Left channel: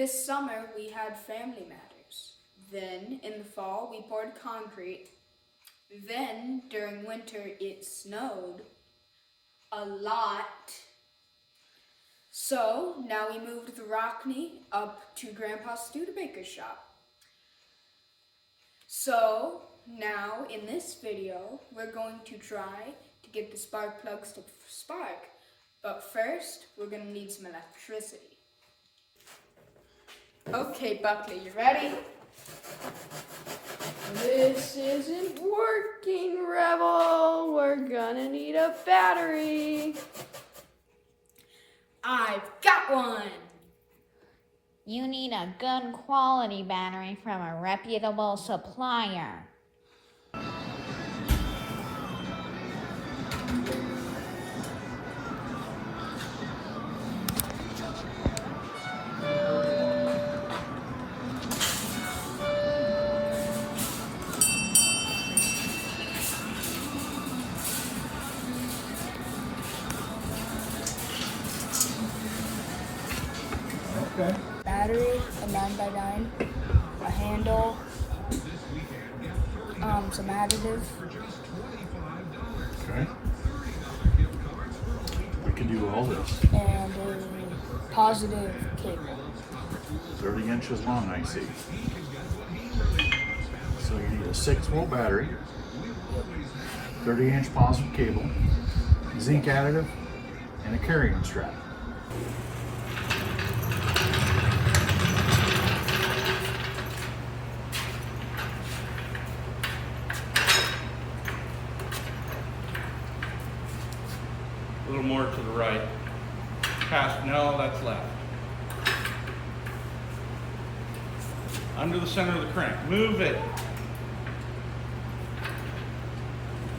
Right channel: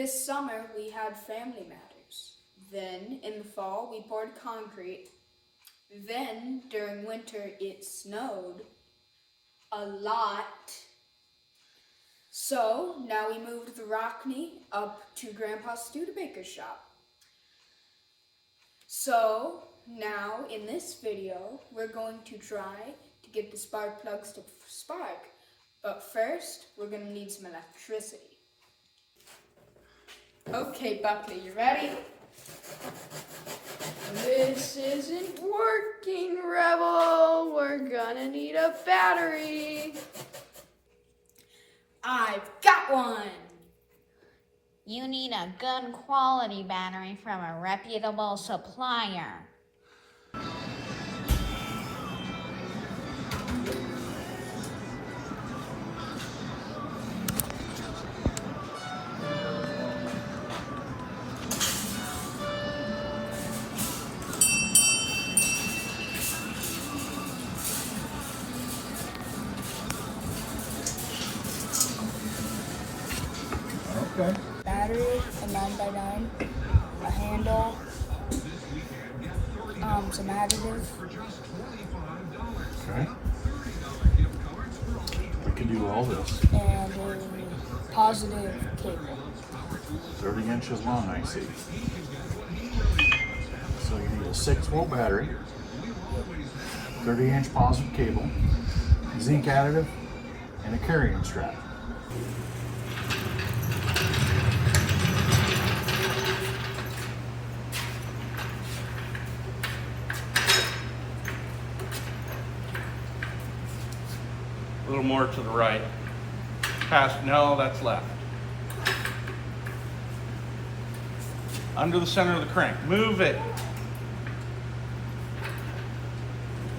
This summer we had Family Matters. Then in the fall we poured concrete. Then during winter it snowed a lot. So now we moved the Rockney up to Grandpa Studebaker's shop. So now in this video we're going to try to get the spark plugs to spark. But first we're going to need some electricity. Okay, Buckley, you ready? This isn't working, Rebel. We're gonna need a battery. I've got one! You need a good quality battery from a reputable supplier. Okay. Battery, a 9x9, a handle, some additive. Okay. We can do all this. And a positive cable. 30 inches long, I see. So you need a 6-volt battery, 30-inch positive cable, zinc additive, and a carrying strap. A little more to the right. Past, no, that's left. Under the center of the crank. Move it.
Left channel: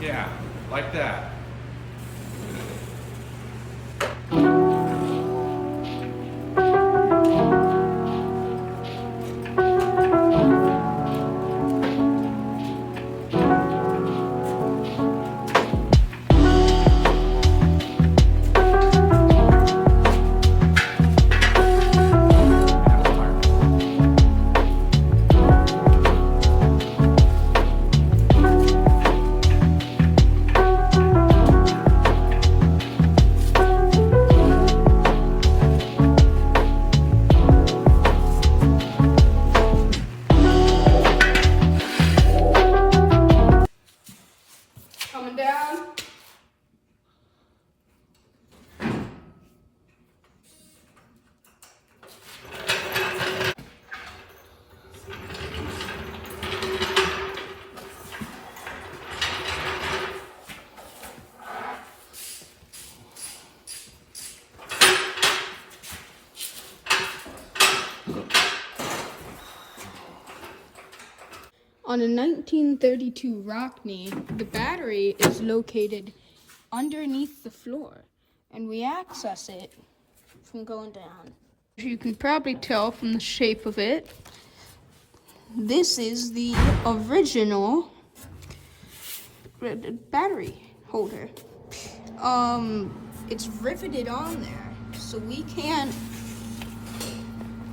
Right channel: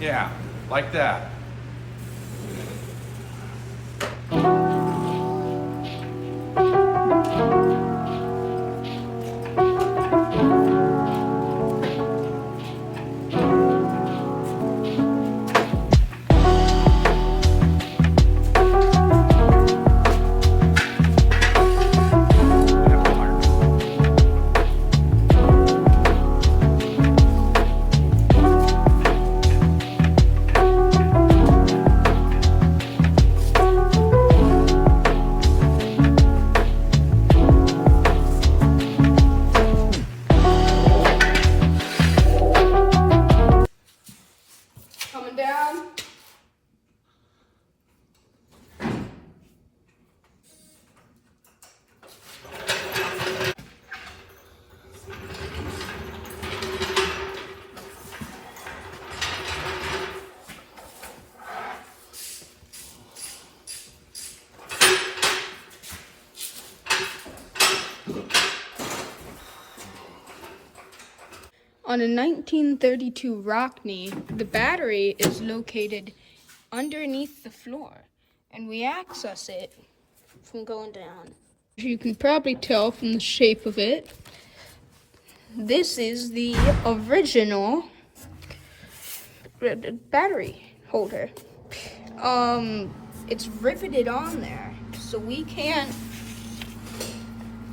Yeah, like that. Coming down. On a 1932 Rockney, the battery is located underneath the floor, and we access it from going down. As you can probably tell from the shape of it, this is the original battery holder. It's riveted on there, so we can't.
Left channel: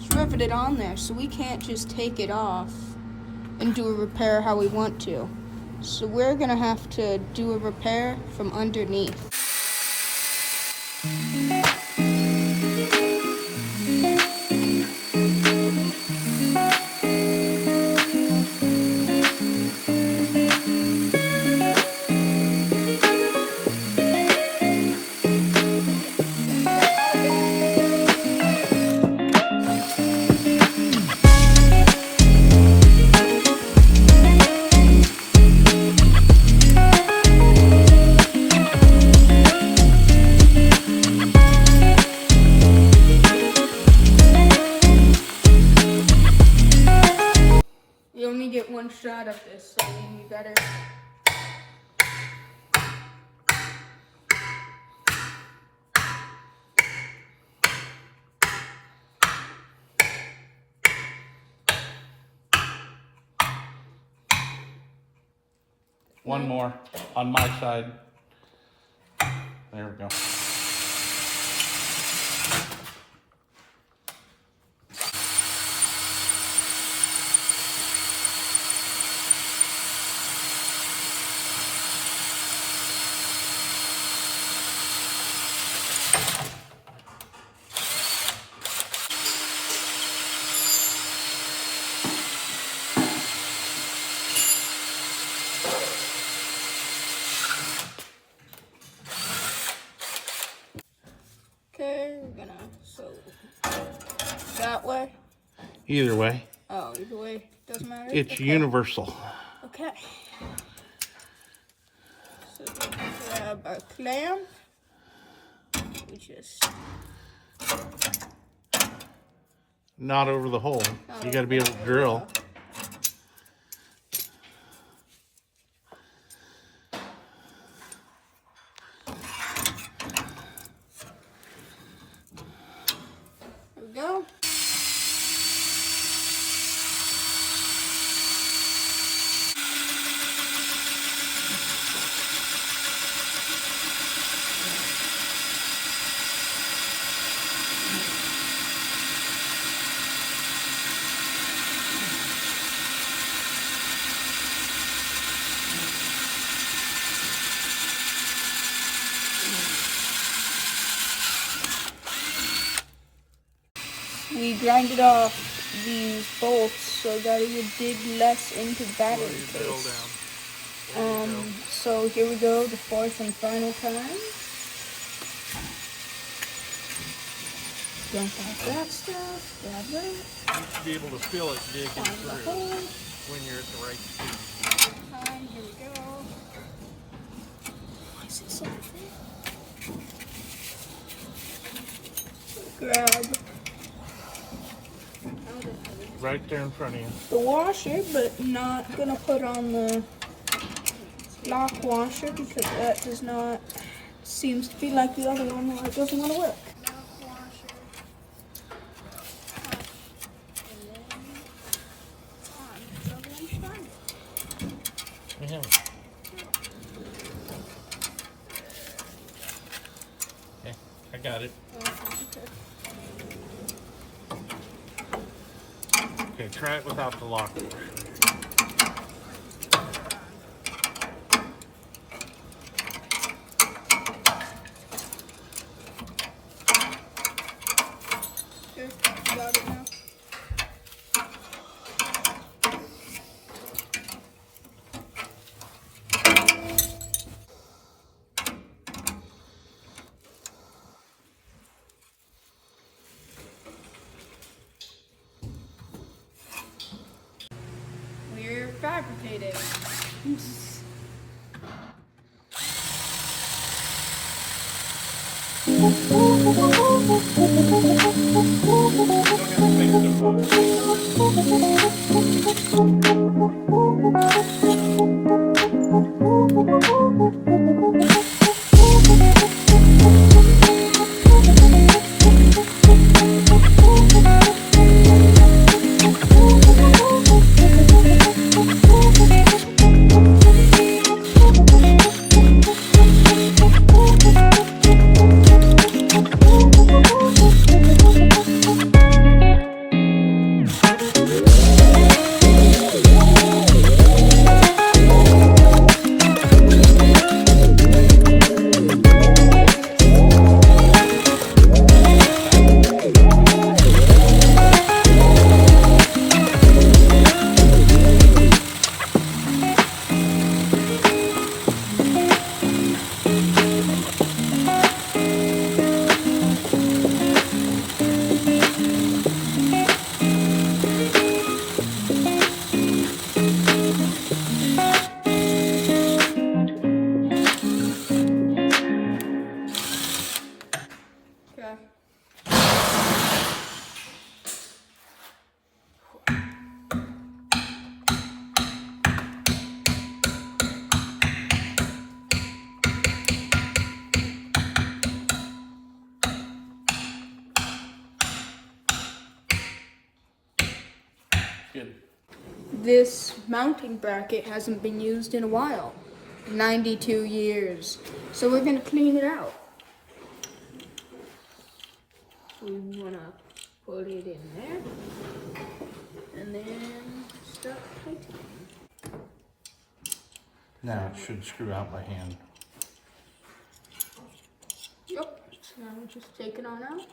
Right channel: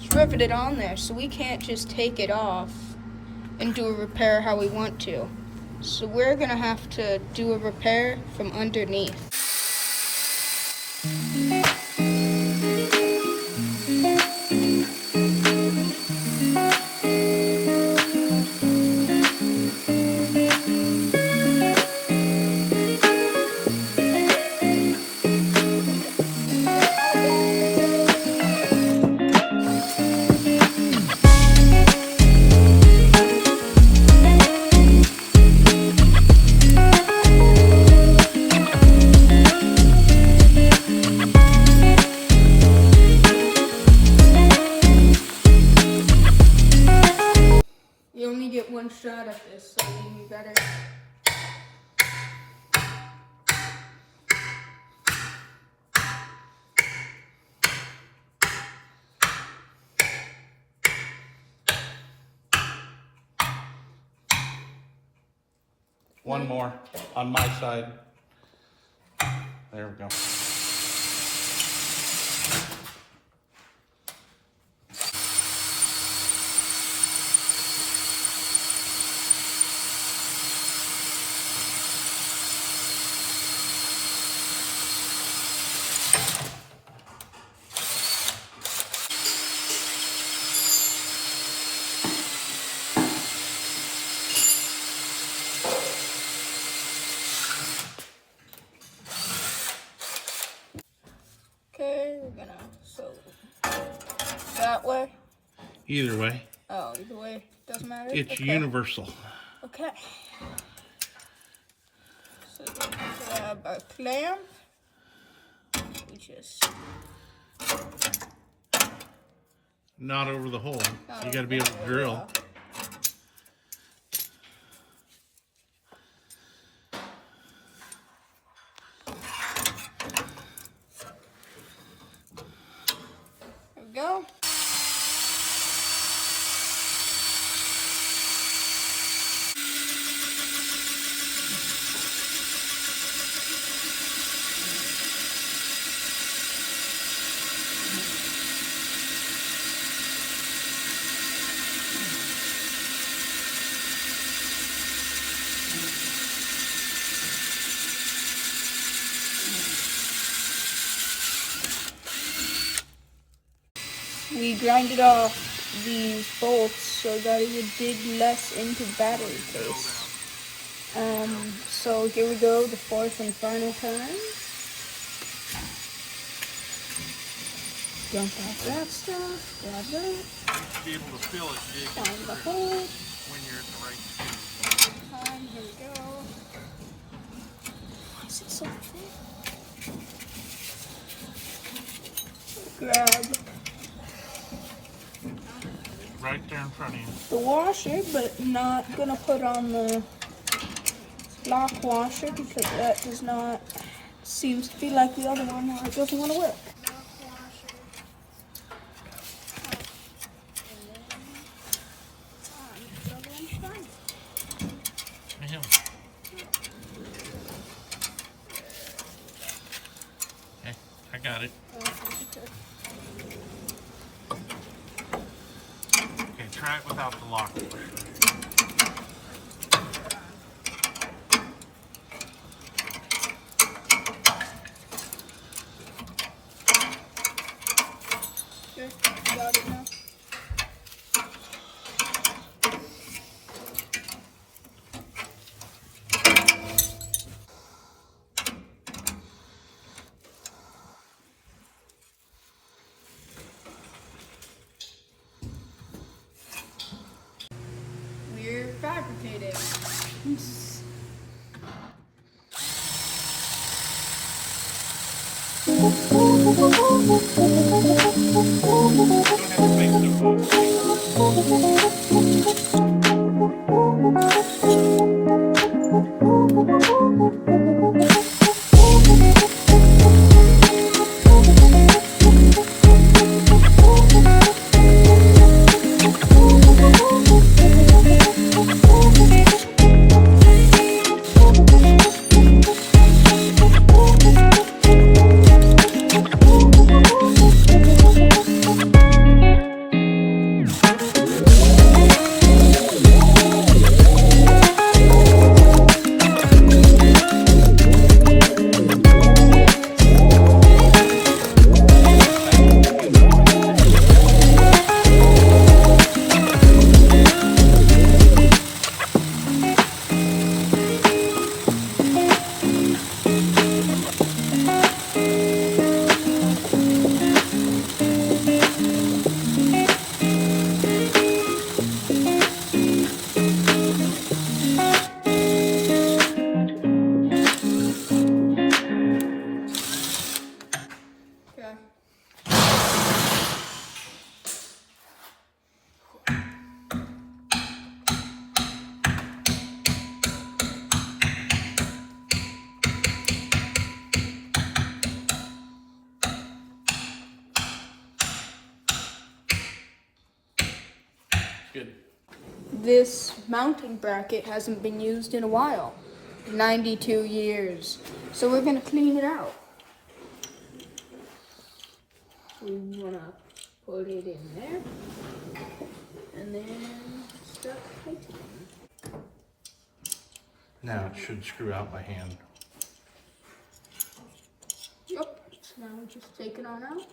It's riveted on there, so we can't just take it off and do a repair how we want to. So we're gonna have to do a repair from underneath. You only get one shot at this, so you better. One more on my side. There we go. way? Either way, Oh, either way. Doesn't matter? it's Okay. universal. Okay. So we grab our clamp. We just Not over the hole. You got to be able to drill. There we go. We grinded off these bolts so that it would dig less into the battery case. So here we go, the fourth and final time. Dump out that stuff, grab that, To be able to feel it dig find the hole. when you're at the right speed. Time, here we go. Is it so full? Grab Right there in front of you. the washer, but not gonna put on the lock washer because that does not seems to be like the other one where it doesn't want to work. Okay, I got it. Okay, try it without the lock. Okay, got it now. We're fabricating. Okay. Good. This mounting bracket hasn't been used in a while. 92 years. So we're gonna clean it out. We wanna put it in there. And then start tightening. Now it should screw out by hand. Yep. So now we're just take it on out.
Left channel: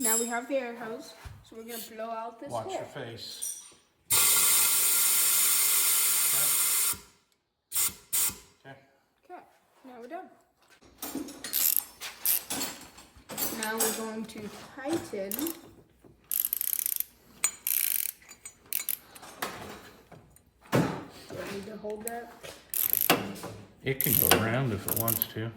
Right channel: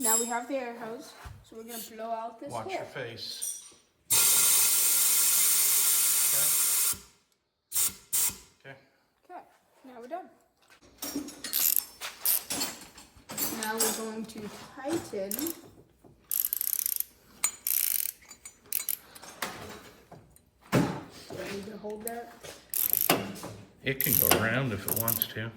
Now we have the air hose, so we're gonna blow out this Watch hole. your face. Okay, now we're done. Now we're going to tighten. Do I need to hold that? It can go around if it wants to.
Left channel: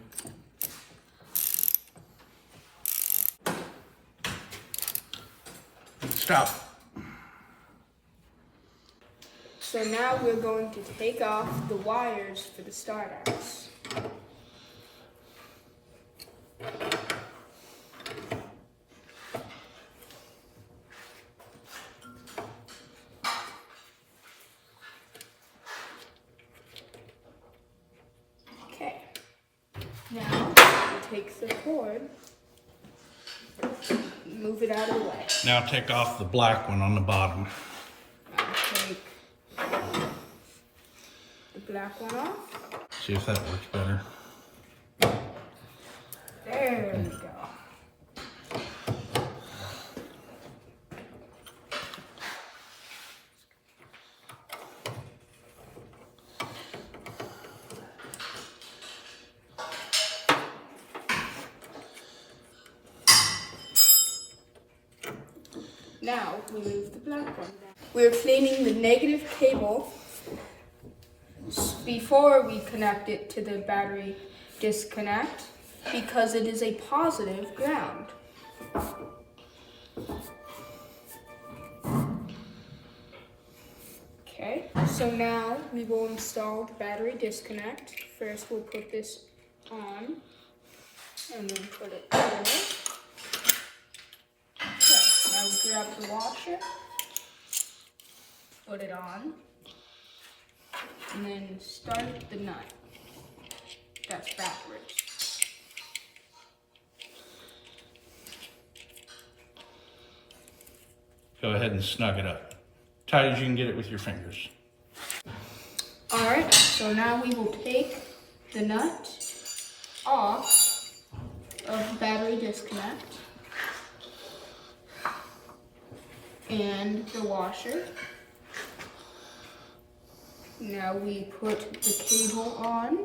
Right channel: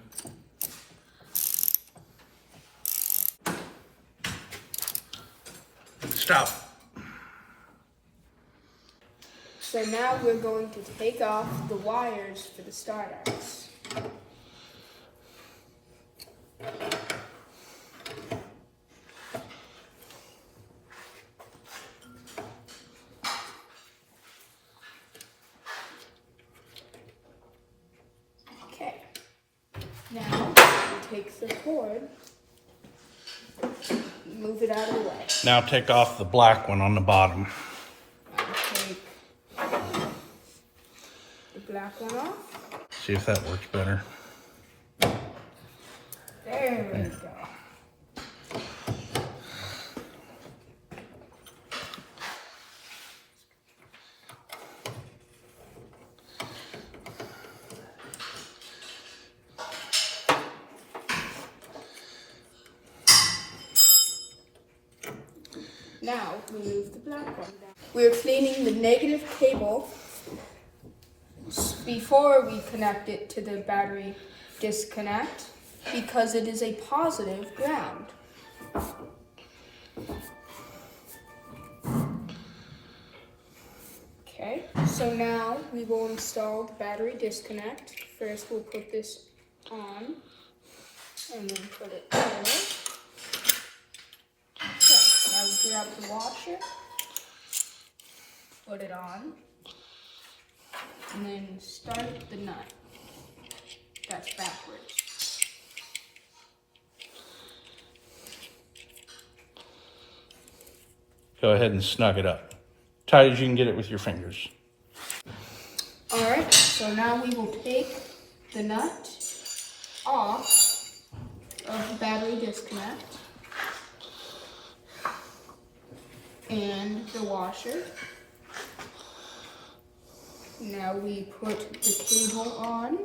Stop. So now we're going to take off the wires for the starters. Okay. Now we take the cord, move it out of the way. Now take off the black one on the bottom. I'll take the black one off. See if that works better. There we go. Now we move the black one down. We're cleaning the negative cable before we connect it to the battery disconnect because it is a positive ground. Okay, so now we will install the battery disconnect. First we'll put this on and then put it there. Okay, now we grab the washer, put it on, and then start the nut. That's backwards. Go ahead and snug it up. Tight as you can get it with your fingers. Alright, so now we will take the nut off of the battery disconnect and the washer. Now we put the cable on,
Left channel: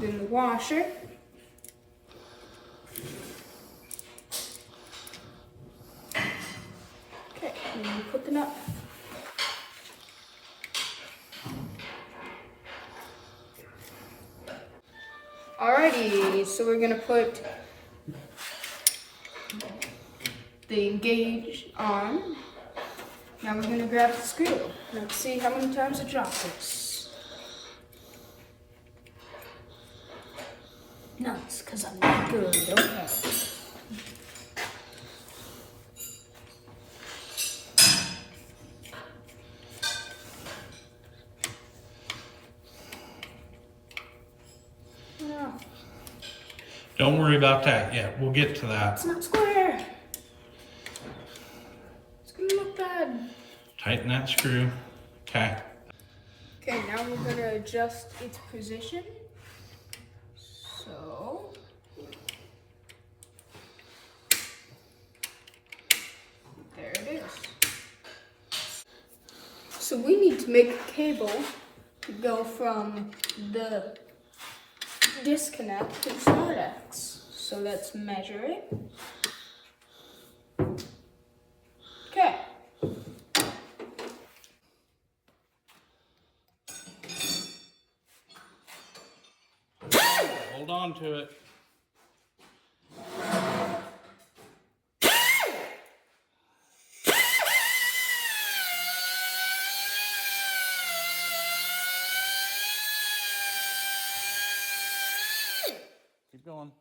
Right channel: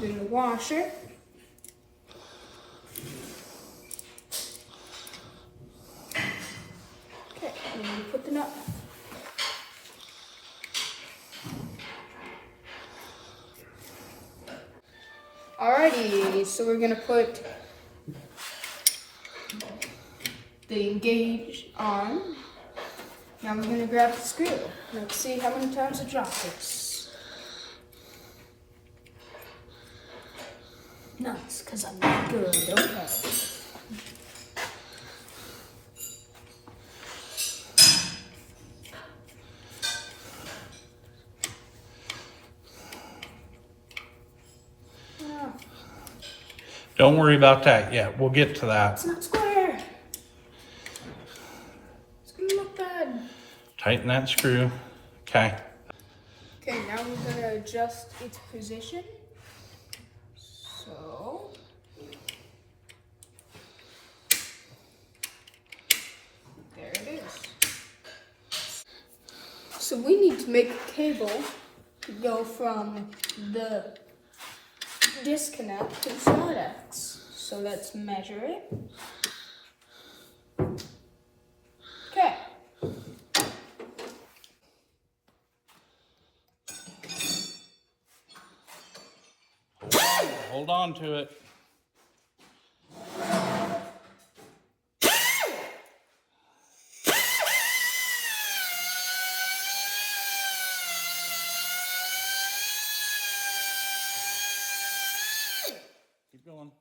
then the washer. Okay, and then we put the nut back. Alrighty, so we're gonna put the engage on. Now we're gonna grab the screw. Let's see how many times I drop this. Nice, because I'm not good. Okay. Oh, Don't worry about that yet. We'll get to that. it's not square. It's gonna look bad. Tighten that screw. Okay. Okay, now we're gonna adjust its position. So, there it is. So we need to make a cable to go from the disconnect to the StartX. So let's measure it. Okay. Hold on to it. Keep going.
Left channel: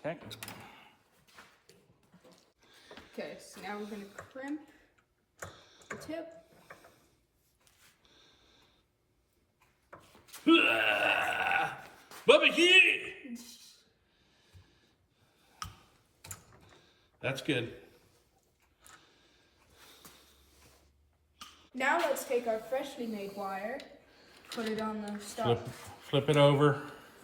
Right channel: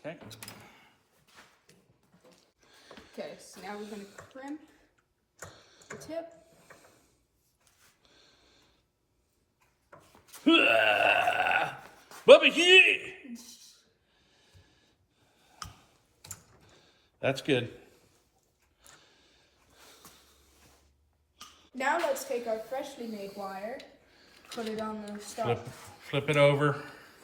Okay. Okay, so now we're gonna crimp the tip. Bubba Hugh! That's good. Now let's take our freshly made wire, put it on the stop. Flip it over.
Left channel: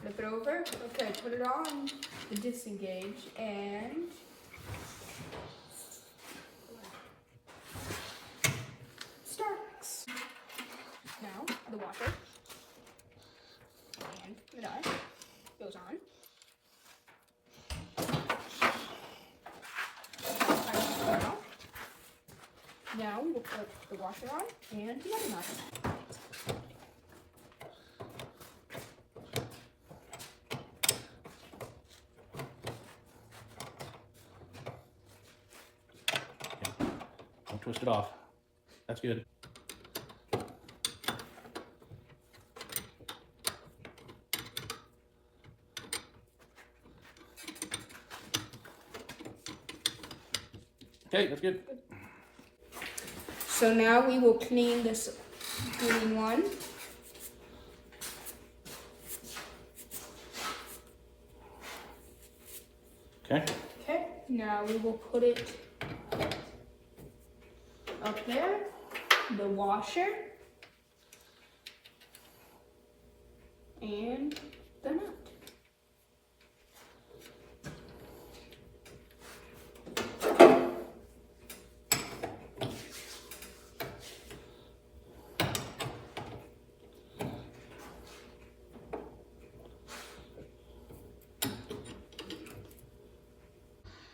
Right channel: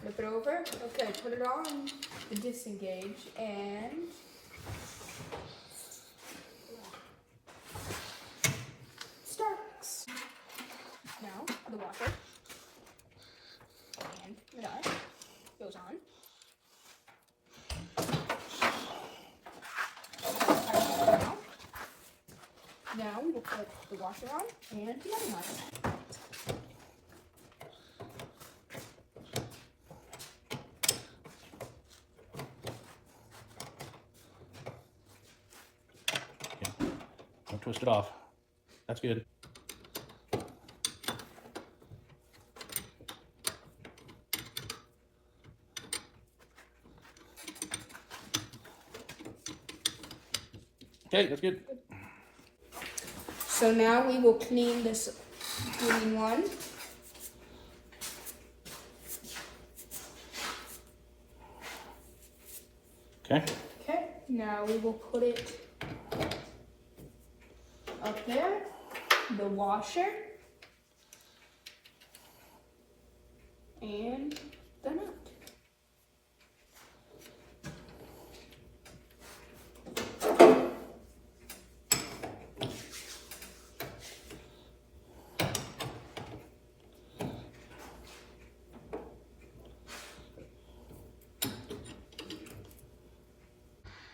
Flip it over. Okay, put it on the disengage and Now we will put the washer on and the oven on. Don't twist it off. That's good. Okay, that's good. So now we will clean this green one. Okay. Okay, now we will put it up there, the washer, and the nut.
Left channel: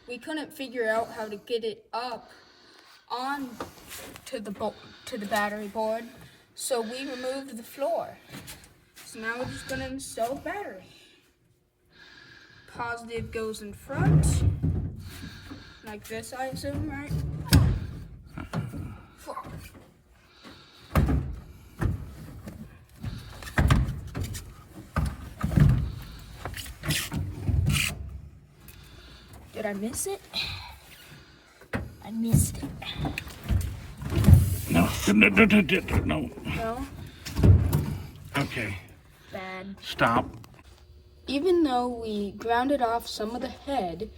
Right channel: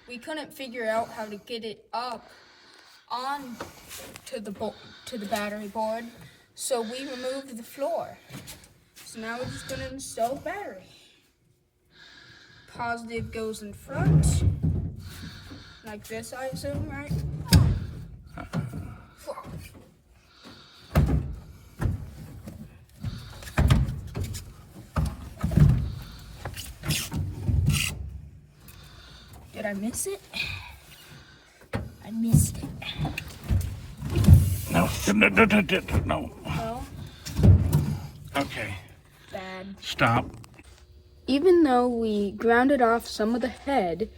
We couldn't figure out how to get it up on to the battery board, so we removed the floor. So now we're just gonna install the battery. Positive goes in front, like this, I assume, right? Did I miss it? I missed it. No. No. No? Okay. Bad. Stop. Even though we grounded off some of the head,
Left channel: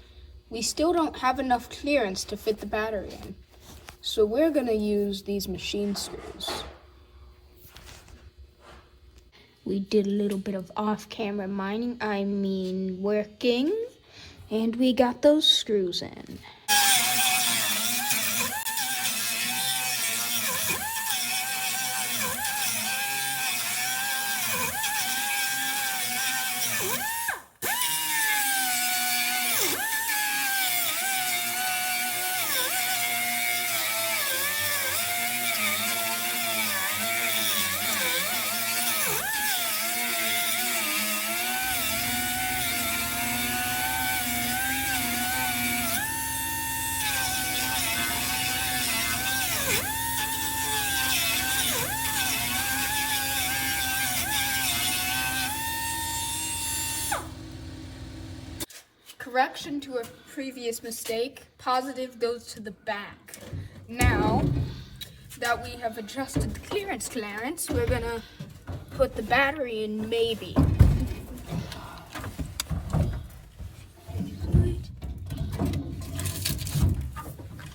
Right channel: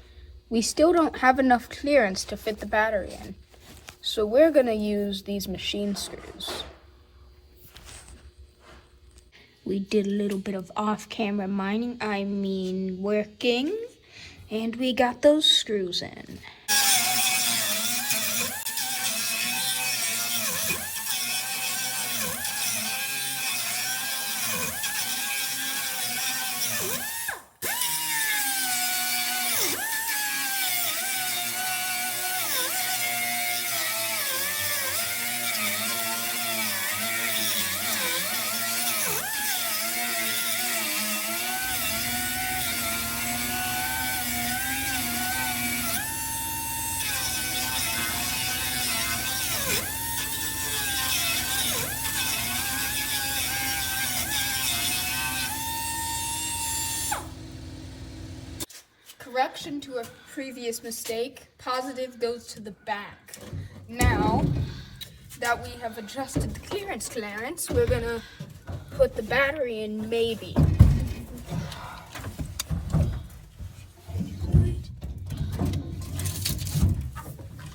we still don't have enough clearance to fit the battery in. So we're gonna use these machine screws. We did a little bit of off-camera mining, working, and we got those screws in. Correction to a previous mistake, positive goes to the back. Now that we have adjusted the clearance, we're gonna put the battery in maybe.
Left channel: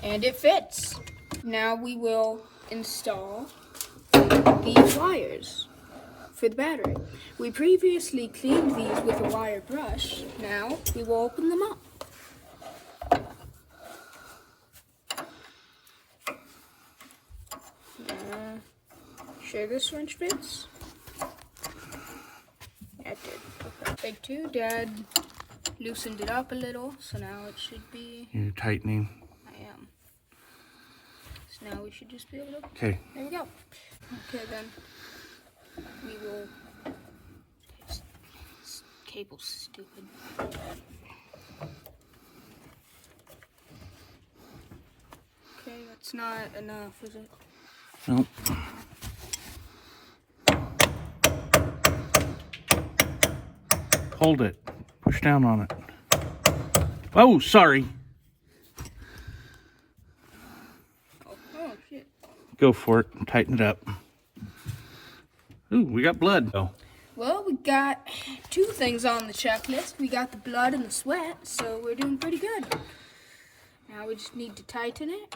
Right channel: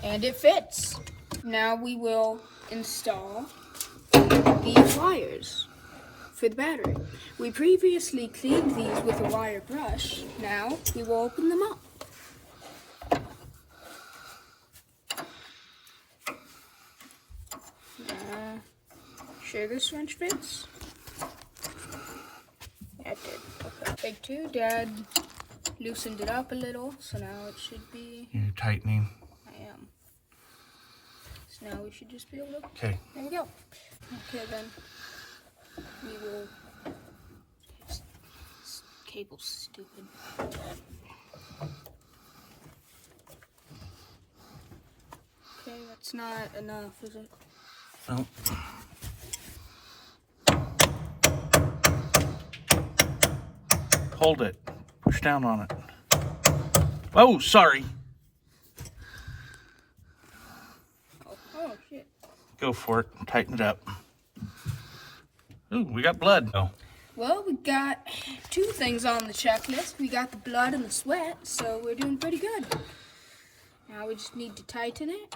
And it fits. Now we will install these wires for the battery. We previously cleaned these with a wire brush. Now we will open them up. Sure this wrench fits? Yeah, it did. Take two, Dad loosened it up a little, so now it should be... You're tightening. I am. So now we should just be able to... Okay. There you go. Okay, then we will... This cable's stupid. Okay, that's not enough, is it? Nope. Hold it. Push down on it. Oh, sorry. Oh shit. Go for it and tighten it up. Ooh, we got blood. Oh. Well, we got two things on the checklist. We got the blood and the sweat, so we're doing pretty good. Now we just need to tighten it.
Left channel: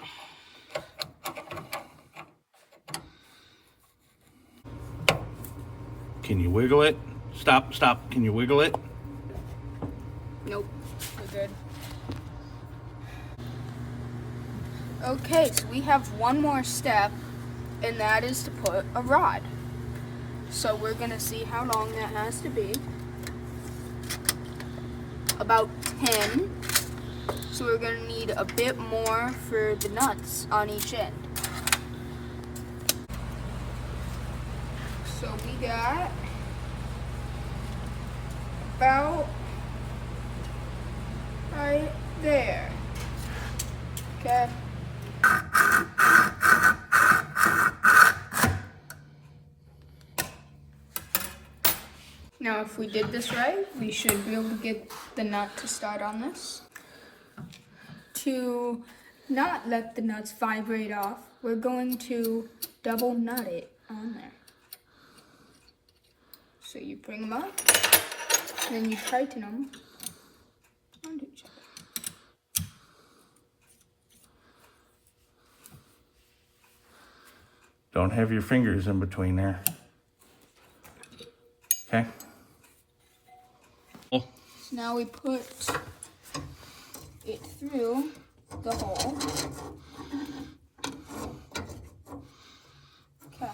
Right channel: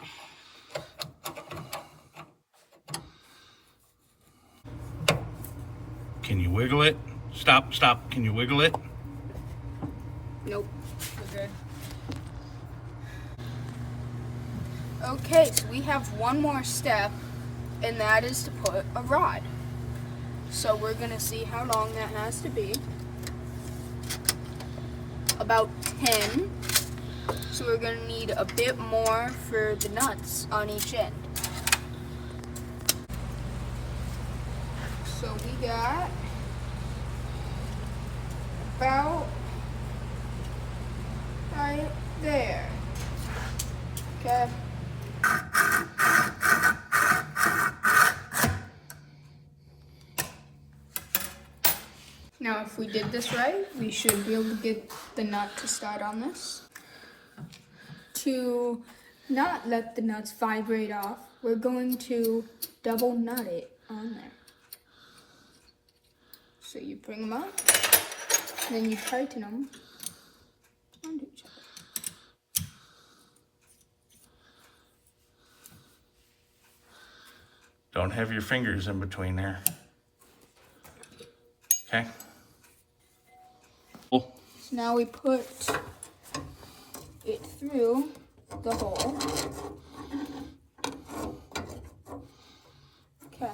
Can you wiggle it? Stop, stop. Can you wiggle it? Nope, we're good. Okay, so we have one more step, and that is to put a rod. So we're gonna see how long that has to be. About 10. So we're gonna need a bit more for the nuts on each end. So we got about right there. Okay. Now if we did this right, we should be able to get the nut to start on this. To not let the nuts vibrate off, we're going to double nut it on there. So you bring them up, then you tighten them onto each other. Don't have your fingers in between there. Okay. So now we put it through the hole. Okay.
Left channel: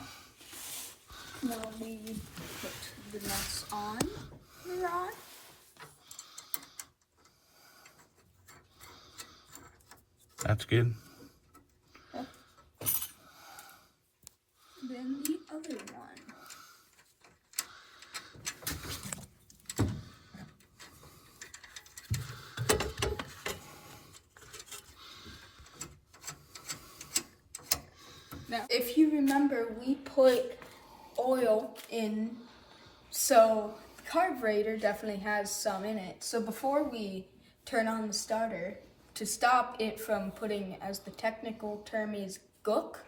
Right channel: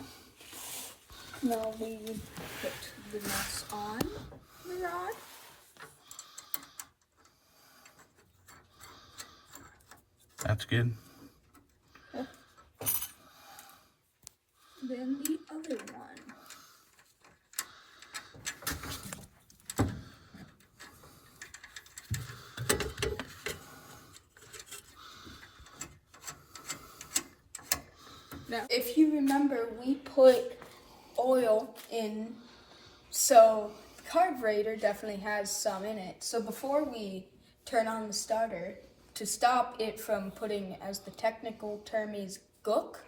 Now we put the nuts on the rod. That's good. Then the other one. Now, if you remember, we put oil in, so the carburetor definitely has some in it. So before we turn on the starter, to stop it from putting, as the technical term is, gook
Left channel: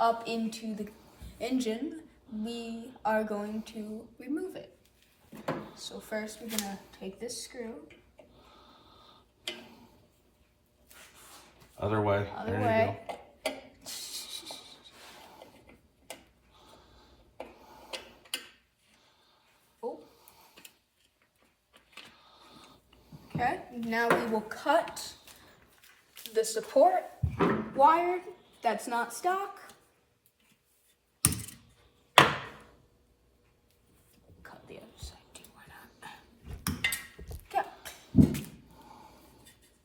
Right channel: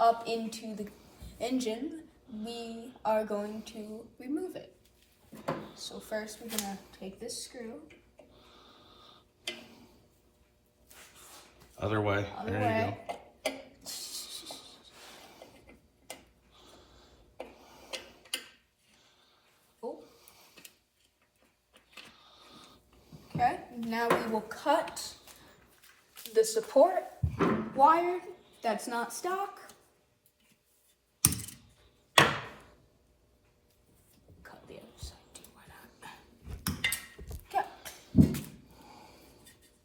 up into the engine, we are going to remove it. So first we're gonna take this screw. Other way. Other There way. you go. Oh. Okay, now we will cut the support wire that's not stock. Cut the other side too, why not?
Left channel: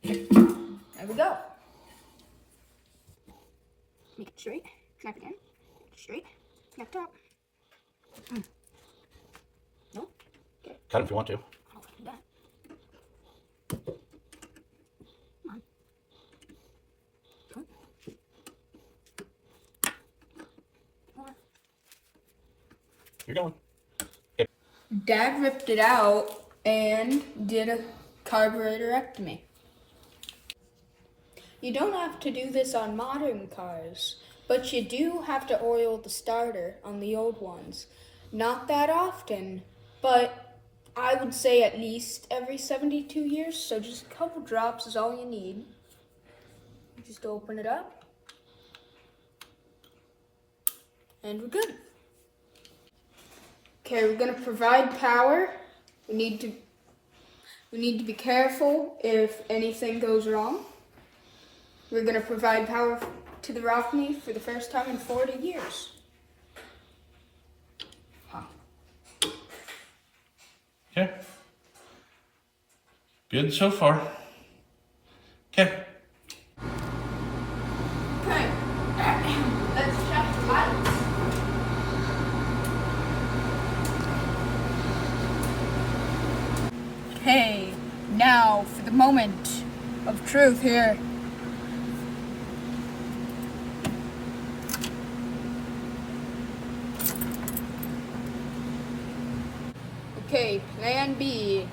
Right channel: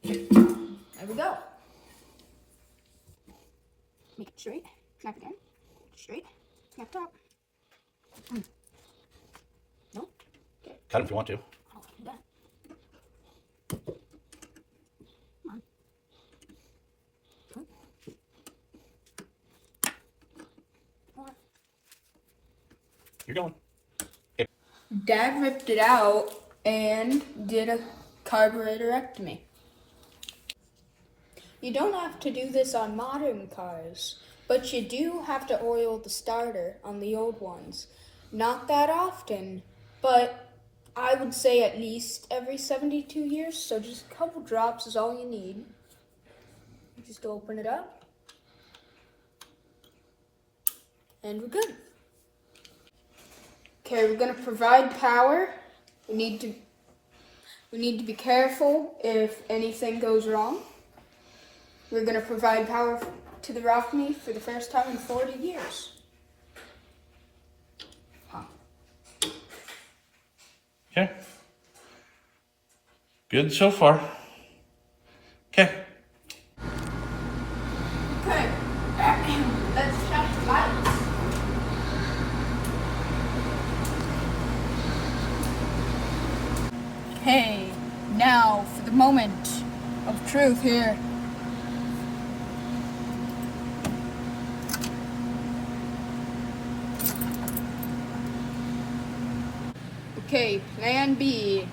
Okay. There we go. Make it straight, snap again, straight, snap top. No? Okay. Cut them if you want to. I'll do that. Come on. Good. More. You're going. Dad ripped it out and did a carburetorectomy. You don't have to do this on modern cars, but you do have to oil the starter on the old ones. Not that often, but I would say at least every 72 years, so just a couple drops is all you need. Just open it up, and we're good. Okay, we're gonna provide power. We need to be careful if anything goes wrong. We're gonna provide power to the Rockney for the first time in 40 years. Huh. Okay. Good so far. Okay. Okay, let's check the lights. Okay, now for the moment of truth here. Okay, plan B.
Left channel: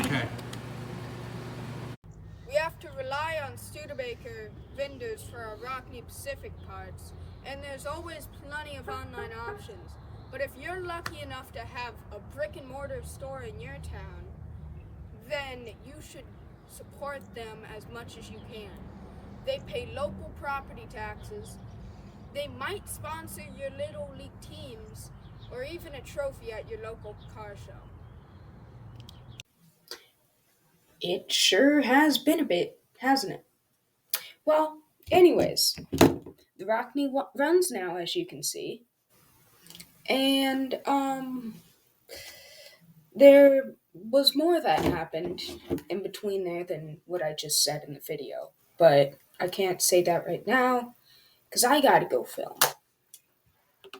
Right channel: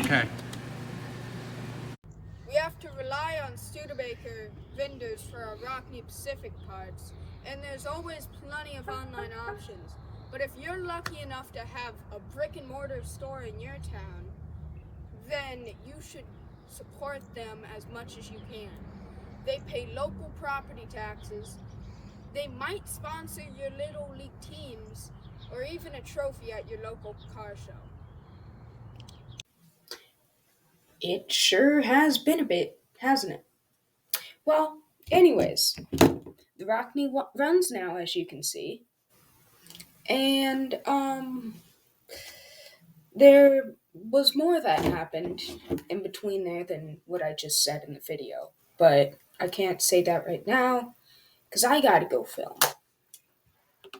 Okay. We have to rely on Studebaker vendors for our Rockney Pacific parts, and there's always plenty of online options. But if you're lucky enough to have a brick and mortar store in your town, then you should support them as much as you can. They pay local property taxes. They might sponsor your Little League teams or even a trophy at your local car show. It sure has been a bit, hasn't it? Well, anyways, the Rockney runs now, as you can see. And, there was more that happened in between there than what I just said in the video. but I can't say that right now because I gotta go film.